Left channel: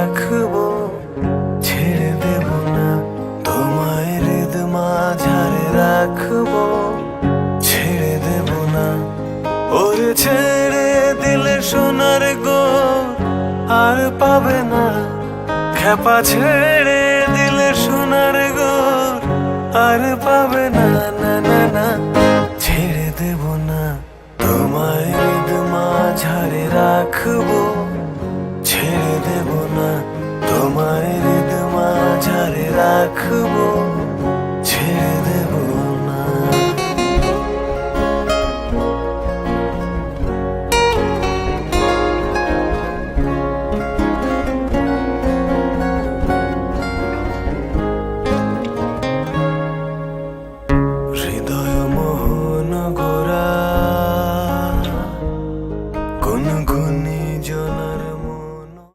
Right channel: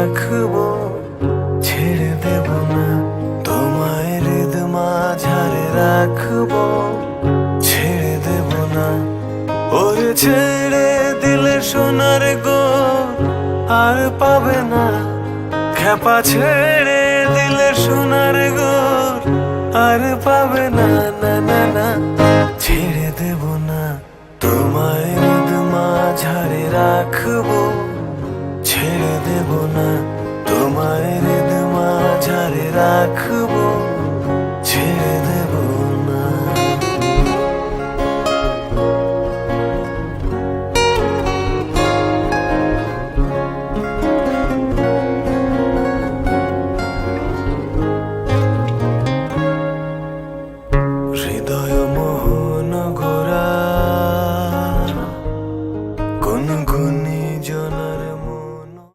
রাখবো, ছেড়ে দেব না। তোমায় হৃদ মাঝারে রাখবো, ছেড়ে দেব না। ওরে ছেড়ে দিলে সোনার গোর আর পাবে না। খেপা ছেড়ে দিলে সোনার গোর আর পাবে না, না না না। ছেড়ে দেব না, তোমায় হৃদ মাঝারে রাখবো, ছেড়ে দেব না। তোমায় হৃদ মাঝারে রাখবো, ছেড়ে দেব না। হৃদয় মোহন গোরা গুনগুনি